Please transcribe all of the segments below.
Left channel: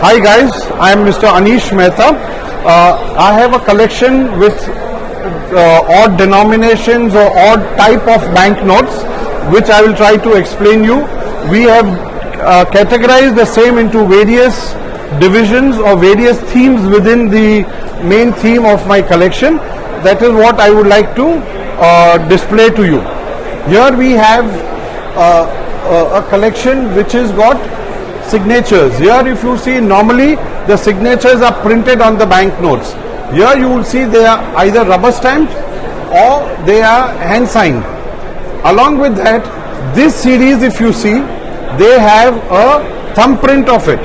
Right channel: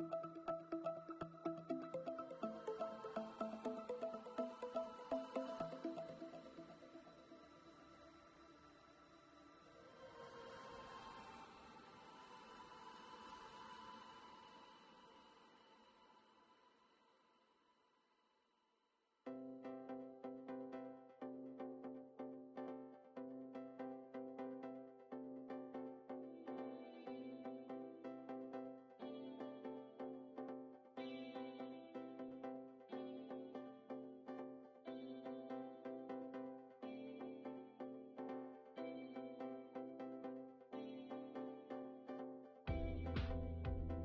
Hi guys, I am Mr. Anish Mehta. I have a collection with odd denominations or odd type of banknotes, which I will try to explain you. We have categorized the same into various divisions or various themes within the main theme of my collection. That is what I would like to display to you. Here we have a collection which has got signatures. Here if you see, normally the signatures are printed on the banknotes. Here you will see they are either rubber stamped or they are hand signed. Along with that, this series, if you see, they have a thumbprint of it.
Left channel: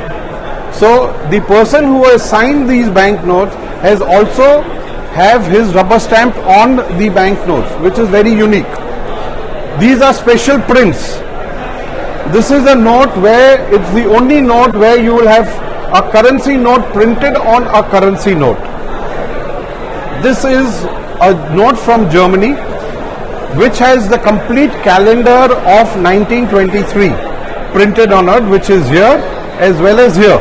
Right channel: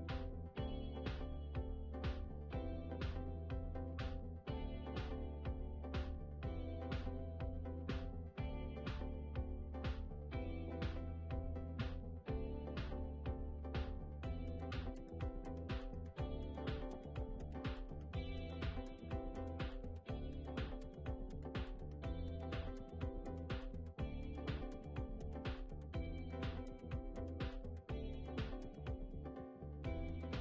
So the person who has signed these banknotes has also have his rubber stamp on the banknotes, which is very unique. These are special prints. This is a note where it's the only note where you will have a currency note printed on a currency note. This is a note from Germany which has the complete calendar of 1923 printed on it, which is here as well as here.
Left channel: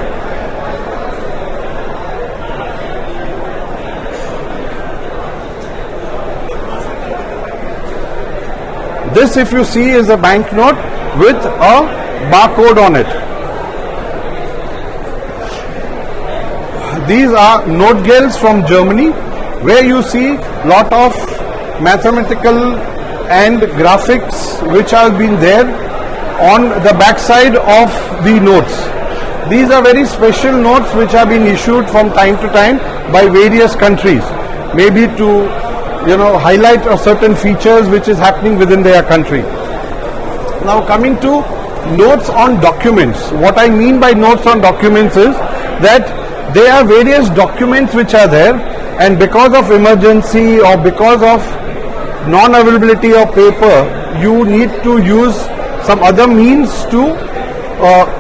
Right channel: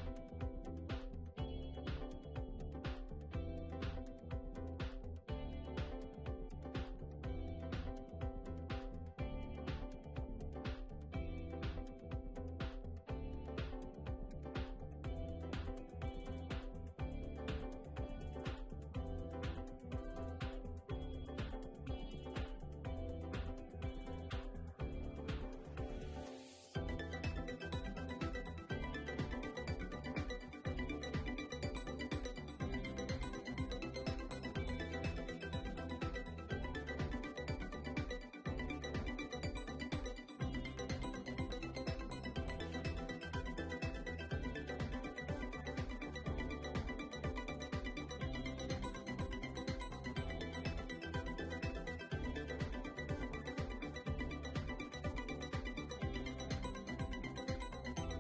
This, if you see, is a banknote with a barcode on it. These are note gels from Germany, where you see lot of mathematical and graphics which have been there on the back side of the notes. These are very special notes which have been issued from time to time by various countries, maybe to highlight certain features which is happening within their country. Now coming to notes on documents. What I mean by notes on documents is that there are various documents which are there, and because of emergency or because of non-availability of paper, you need to use some other means to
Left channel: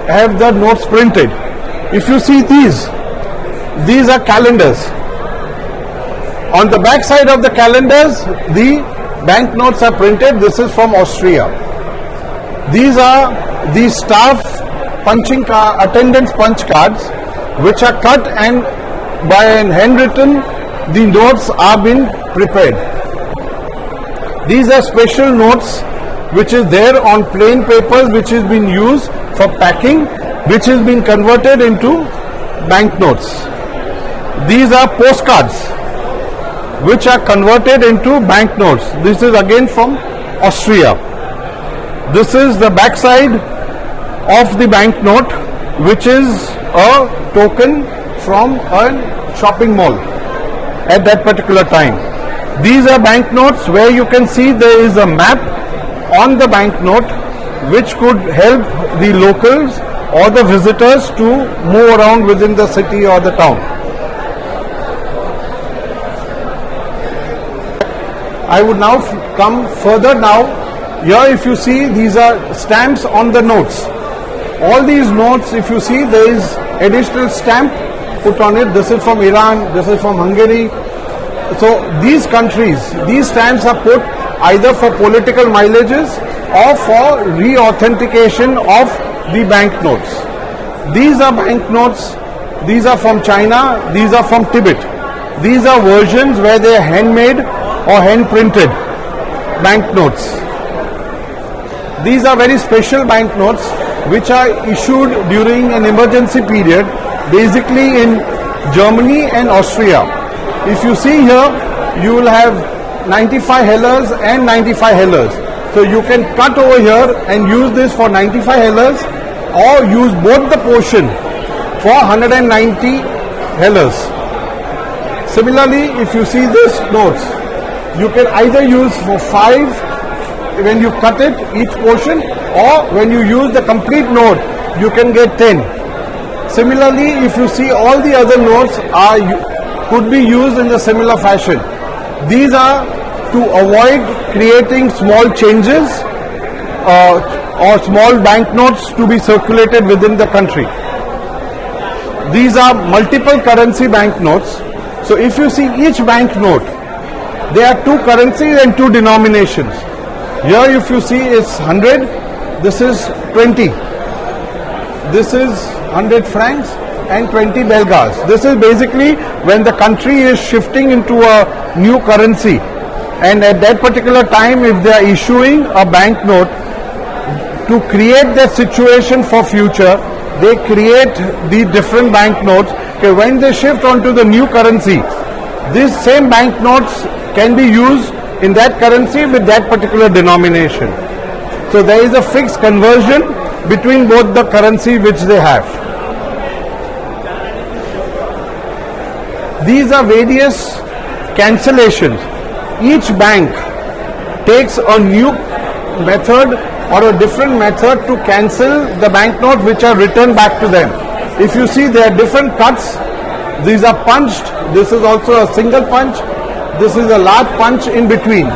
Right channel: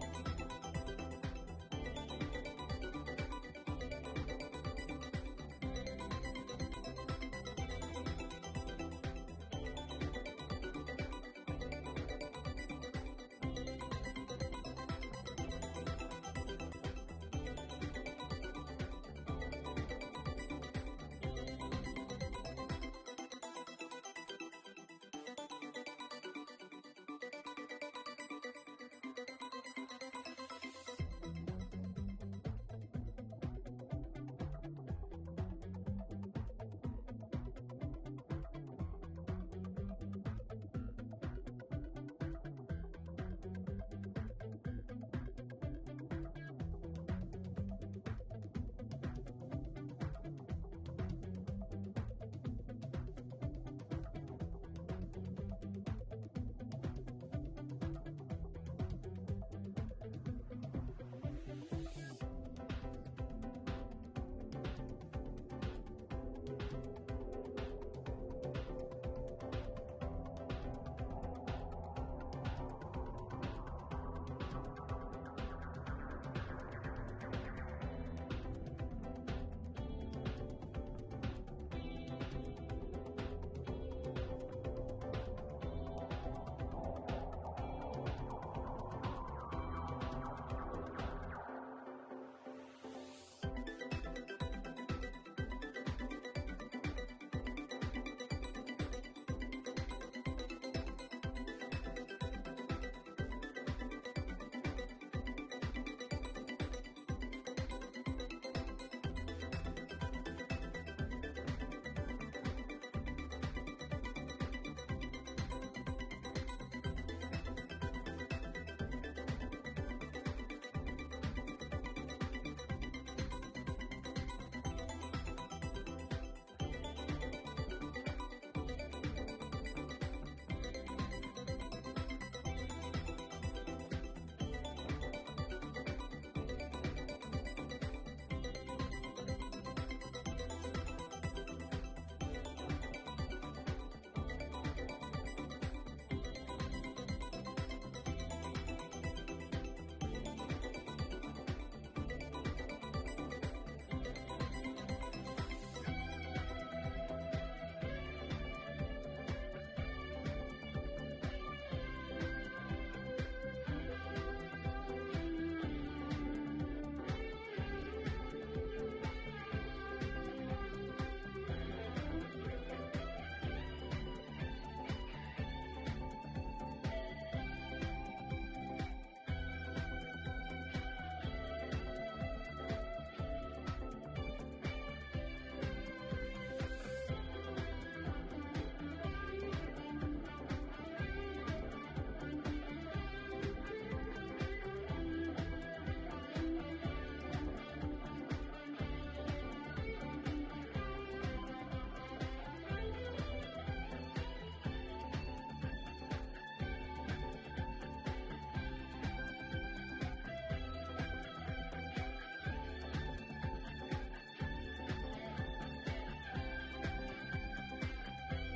have the notes printed. If you see these are calendars. On the back side of the calendars, the banknotes are printed. This is from Austria. These are the staff attendance punch cards, which are cut and by an handwritten, the notes are been prepared. These are special notes which is there on plain papers, which has been used for packing, which has been converted into banknotes. These are postcards which are converted into banknotes. This is again from Austria. This is the back side of the banknote, which is a token from a shopping mall at that particular time. These are banknotes where you can see there is a map on the banknote which could help the locals or the visitors to move around within the city or the town. I would now come further now. Here if you see, these are stamps on the notes. All these notes, if you see, there is additional stamp put on it. This is from Iran, this is from Hungary. So these countries, these stamps are put either for political mileages or for re-authentication of the banknotes. These are banknotes, these are from China, these are from Tibet. These are versions where they are handmade or hand printed banknotes. These are very special banknotes which are issued during an emergency period, basically in Germany and Austria. If you see here, you will have 95 hellers and 95 hellers. So you can cut over here and use this for 95 hellers, or use both the portion for 190 hellers. Similarly, if you see this notes, you can either use for 5 when you cut it, each portion, or when you use the complete note, you can get 10. Similarly, if you see, all the other notes could be used in a similar fashion. These are to avoid creating small changes or small banknotes to be circulated within the country. These are multiple currency banknotes. So if you see each banknote, there are 2 currencies and 2 denominations. Here if you see, it's 100, this is 20. This is 100 francs and 20 belgas. This is basically when the country is shifting into a new currency, and at that particular time, if they are issuing a banknote, to create that situation for future, they create the different banknotes. Okay, when they shift onto the new currency, these same banknotes can be used in that currency with that particular denomination. So there is a fixed conversion between both the currency which they have. These are various cancellations. Each bank takes a new method or a different method to cancel the banknote which are returned back to them. If you see, there are different cuts. These are punched. This is also a single punch. This is a large punch in between.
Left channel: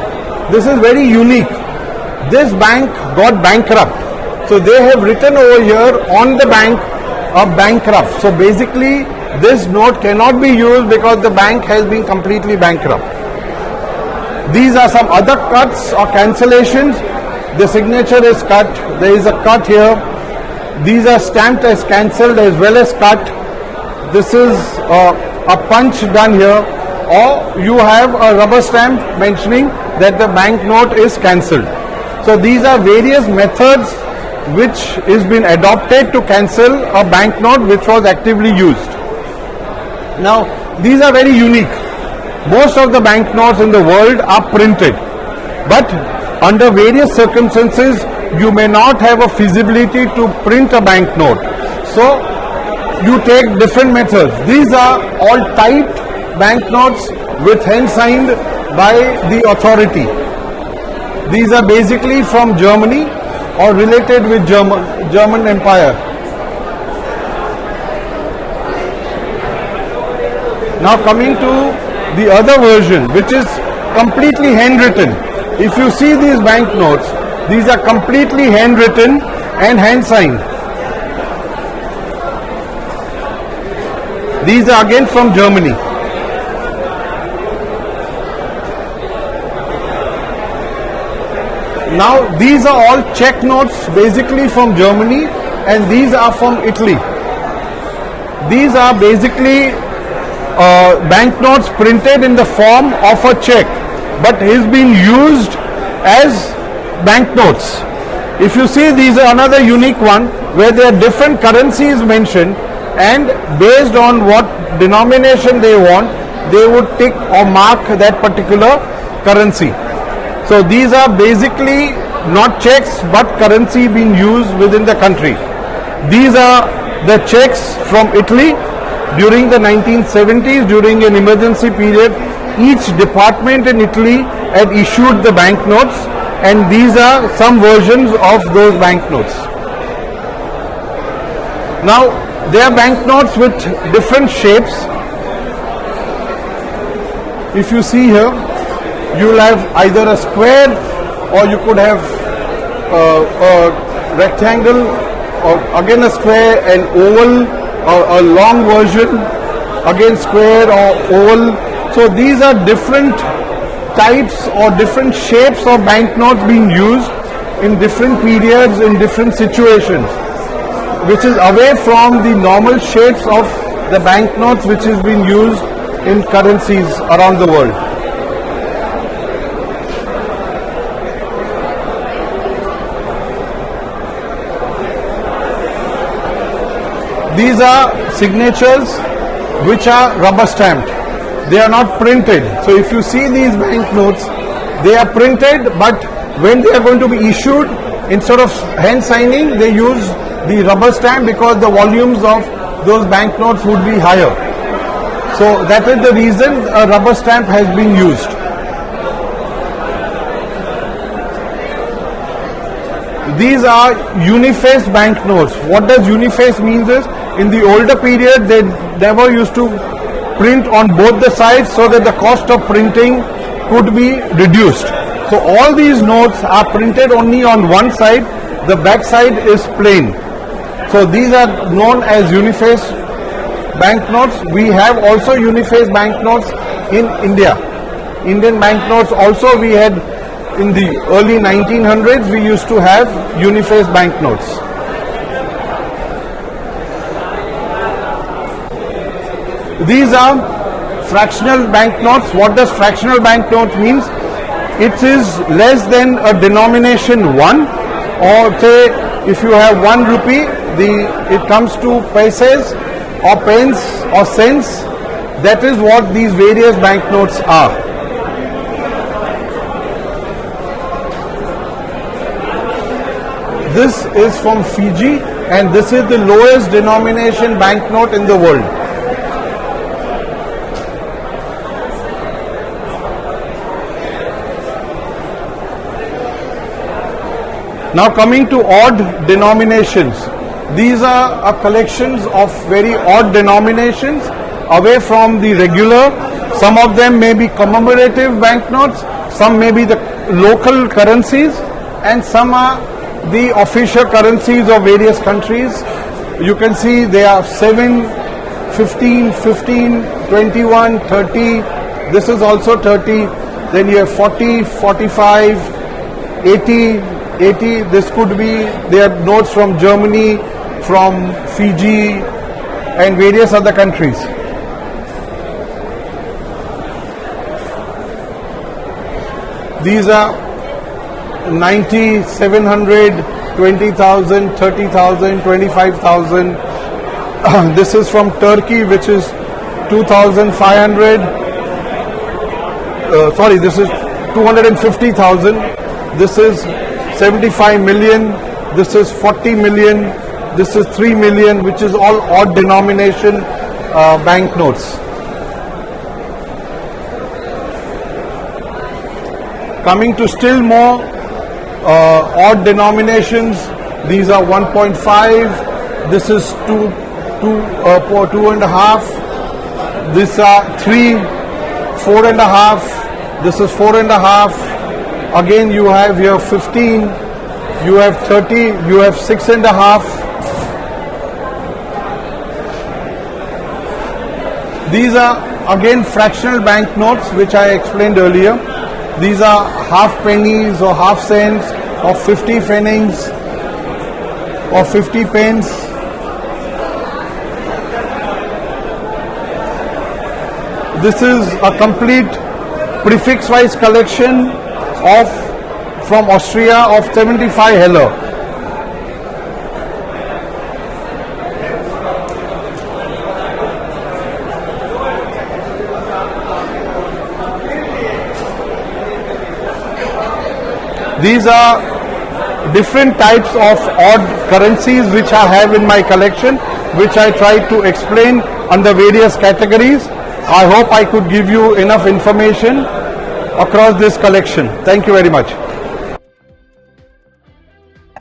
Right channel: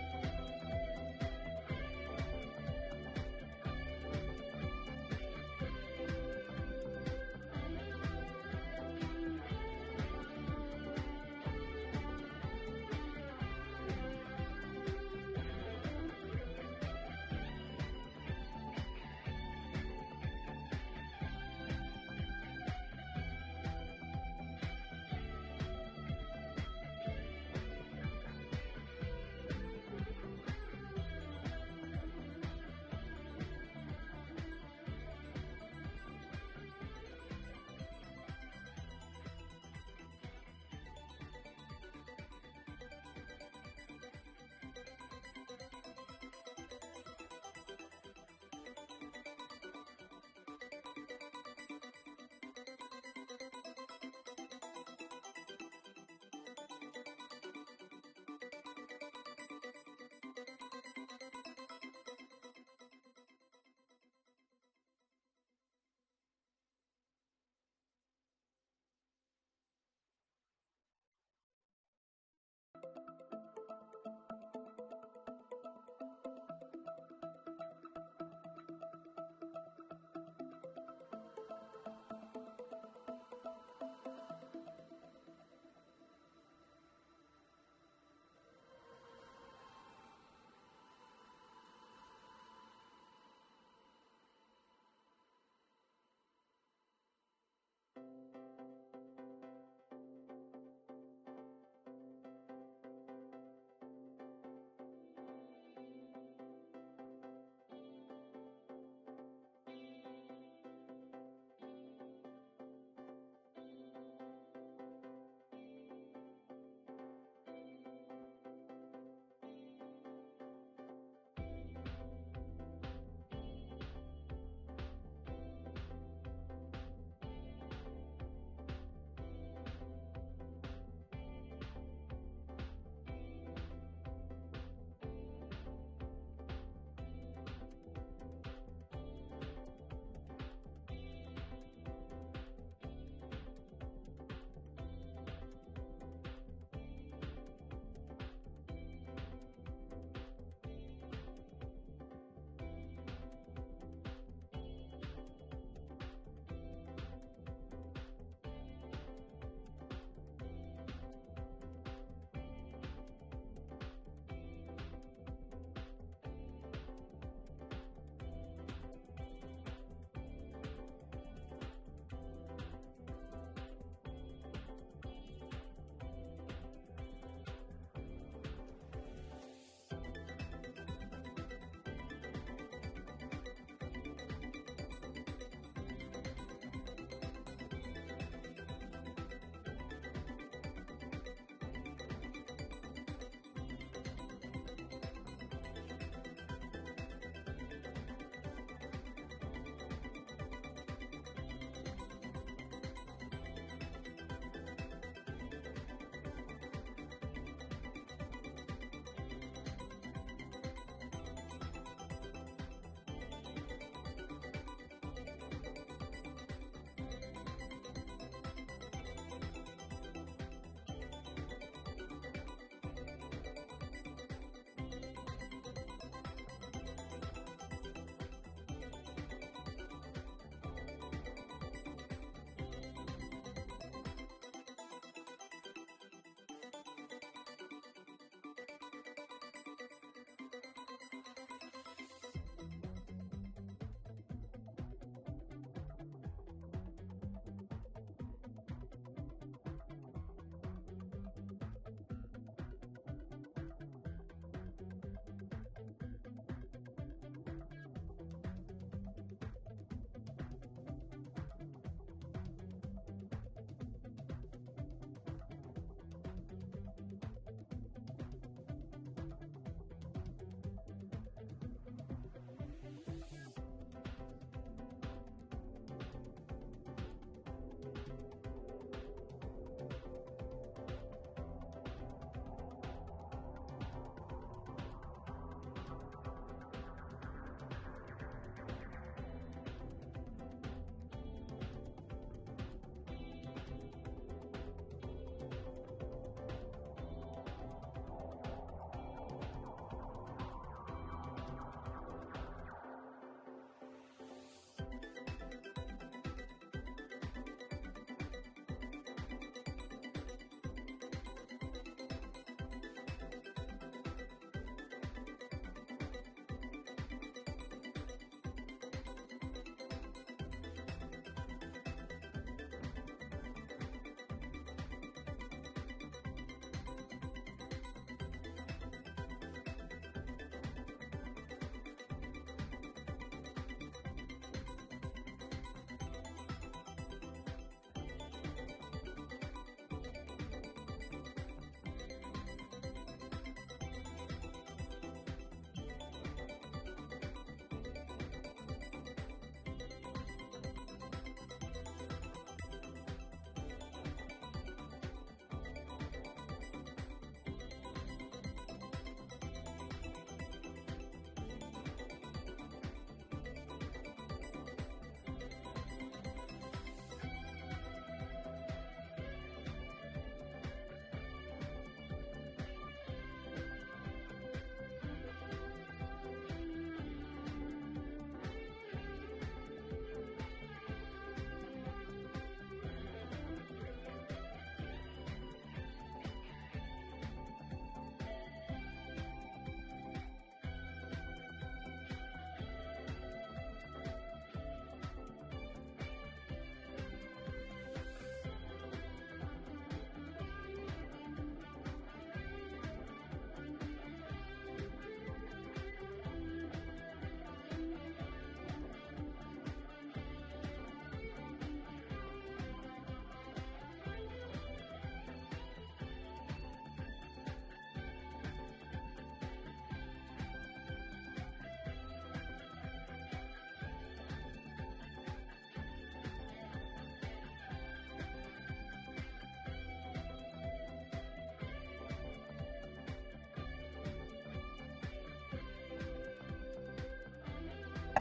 This is very unique. This bank got bankrupt. So they have written over here on the bank of bankrupt. So basically this note cannot be used because the bank has been completely bankrupt. These are some other cuts or cancellations. The signature is cut. There is a cut here. These are stamped as cancelled as well as cut. This is a punch done here, or you have a rubber stamp mentioning that the banknote is cancelled. So these are various methods which is been adopted to cancel a banknote which was actively used. Now these are very unique. Most of the banknotes in the world are printed, but under various circumstances you may not have a feasibility to print a banknote. So you take different methods. These are all typed banknotes with hand signed by the authority. These are basically from Germany or related with German Empire. Now coming to the other version, which is completely handwritten. If you see these banknotes, these are completely handwritten and hand signed. These are again from Germany. Now these are all check notes basically from Germany, and these are from Italy. These are basically banknotes printed in the form of a check, but is being used as banknotes. If you see, these are another unique one where there are different currencies mentioned, and based on what denomination they want, they would tick or mark that particular currency. So these are basically not checks but currency being used within the country. These are the checks from Italy during the 1970s, during an emergency period. Each department in Italy had issued the banknotes, and these are some versions of those banknotes. Now there are banknotes with different shapes. If you see here, you will have either a square, or you could have a rectangle, or again a square, an oval, or a long version, again square or oval. So these are different types or different shapes of banknotes being used in different periods, in different situations, which is away from the normal shapes of the banknotes which is being used in currencies around the world. These are signatures which are rubber stamped. They are not printed. So if you see these banknotes, they are printed, but when they are going to be issued, instead of hand signing, they use the rubber stamp because the volumes of those banknotes would be higher. So that is the reason a rubber stamp has been used. These are unifaced banknotes. What does unifaced means is, in the older period they never used to print on both the sides so that the cost of printing could be reduced. So all these notes are printed only on one side, the back side is plain. So these are known as unifaced banknotes. We have also unifaced banknotes in India. Indian banknotes also we had in the early 1900s, we used to have unifaced banknotes. These are fractional banknotes. What does fractional banknote means? It is less than a denomination 1, or say if you have 1 rupee, it comes to paise or pence or cents. That is what these various banknotes are. This is from Fiji, and this is the lowest denomination banknote in the world. Now coming to odd denominations. These are collections of very odd denominations away from the regular. Some of them may be commemorative banknotes, some may be the local currencies, and some are the official currencies of various countries. You can see they are 7, 15, 15, 21, 30. This is also 30. Then you have 40, 45, 80, 80. This could be, they are notes from Germany, from Fiji, and various other countries. These are 90, 700, 20,000, 30,000, 25,000. This is from Turkey, which is 2,500. Sorry, this is 250,000. This is 75 million. This is 40 million. This is 3 million, which is all odd denomination banknotes. Coming to still more odd denominations, these are 1.5. This is 2.5. These are 3, 4.5. This is 4.5. Again, you have here 15. You have 30. You have 6.5. These are again fractional banknotes, which I explained earlier. These are half pennies or half cents or 50 pfennigs or 50 pence. This is a complete prefix-wise collection from Austria of 75 Heller. These are different types of odd currencies which I have in my collection, which I try to explain under various categories. I hope I could give you enough information across this collection. Thank you very much.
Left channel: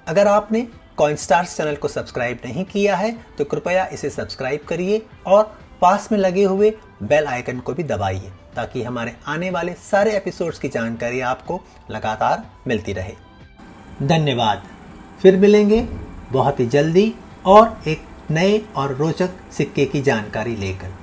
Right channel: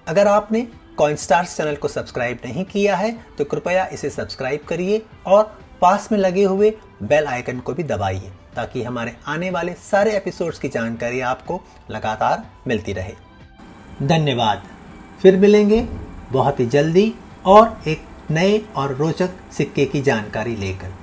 अगर आपने कॉइनस्टार्स channel को subscribe नहीं किया है तो कृपया इसे subscribe करिए और पास में लगे हुए बेल आइकन को भी दबाइए ताकि हमारे आने वाले सारे एपिसोड्स की जानकारी आपको लगातार मिलती रहे। धन्यवाद। फिर मिलेंगे बहुत ही जल्दी और एक नए और रोचक सिक्के की जानकारी लेकर।